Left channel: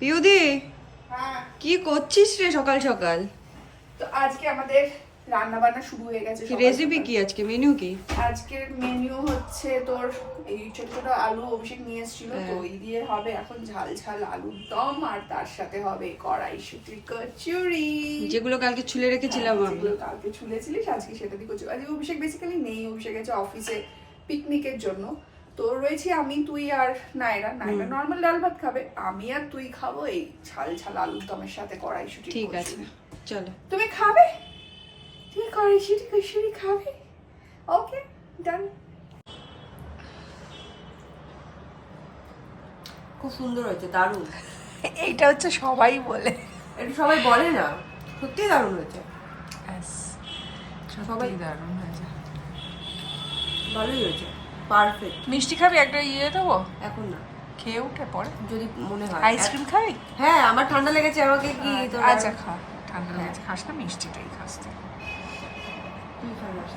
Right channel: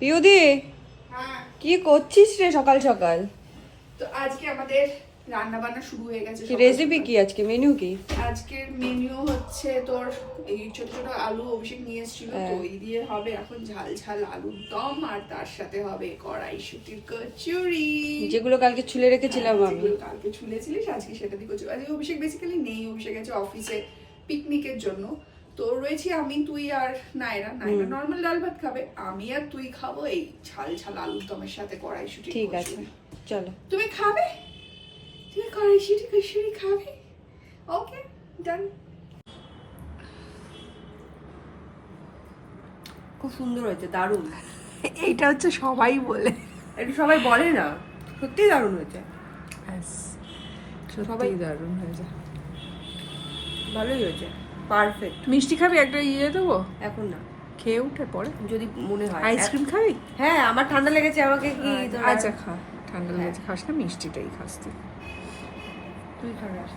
পিউদি, হ্যাঁ, কি করছিস রে সকাল সকাল? তো আজকে আমাদের রান্না বান্না শুরু হয়ে গেছে। রেসিপি কি আজকে, মেনু কি? আজকের মেনু হচ্ছে তোর এই ছোট ছোট আলু অভিষেক নিয়ে এসেছিল, তো ওই দিয়ে হবে এখন ঝাল ঝাল আলুর দম, আর তার সাথে হবে কড়াইশুটির কচুরি, যেগুলো কালকে ছুলে রেখেছিলাম আমি। যেগুলো কালকে ছুলেছিলিস আজকে সেটা দিয়ে কচুরি। আজকে অভিষেক বেসিক্যালি নেই, অভিষেক গেছে অফিসে পিকনিকের জন্য। তো রয়েছি আমি, তুই আর নায়রা। নায়রা নর্মাল ডাল ভাত খাবে, আমি আর তুই খাবো এই ঝাল ঝাল আলুর দমের সাথে কড়াইশুটির ঠিক আছে, কচুরি। চলো। তুমি খাবে? তুমি কড়াইশুটি কচুরি খাবে? ওকে, ডান। খুব সুন্দর হয়েছে, দারুণ। এইটা হচ্ছে সবাই বলে, একটু সবাই বলে না, সত্যি দারুণ হয়েছে। সত্যি দারুণ হয়েছে। ভালোই হয়েছে, পারফেক্ট। মিষ্টি খাবি? একটা ইয়ে দেবো, এখন না, খেয়ে উঠে পরে যদি মনে হয়। আইসক্রিম খাবি? হ্যাঁ, আমার ঠান্ডা লেগেছে, আমাকে কি আচ্ছা খা, ঠান্ডা লেগেছে খাস না, মিষ্টিটাই খাস তুই। তুই খাস।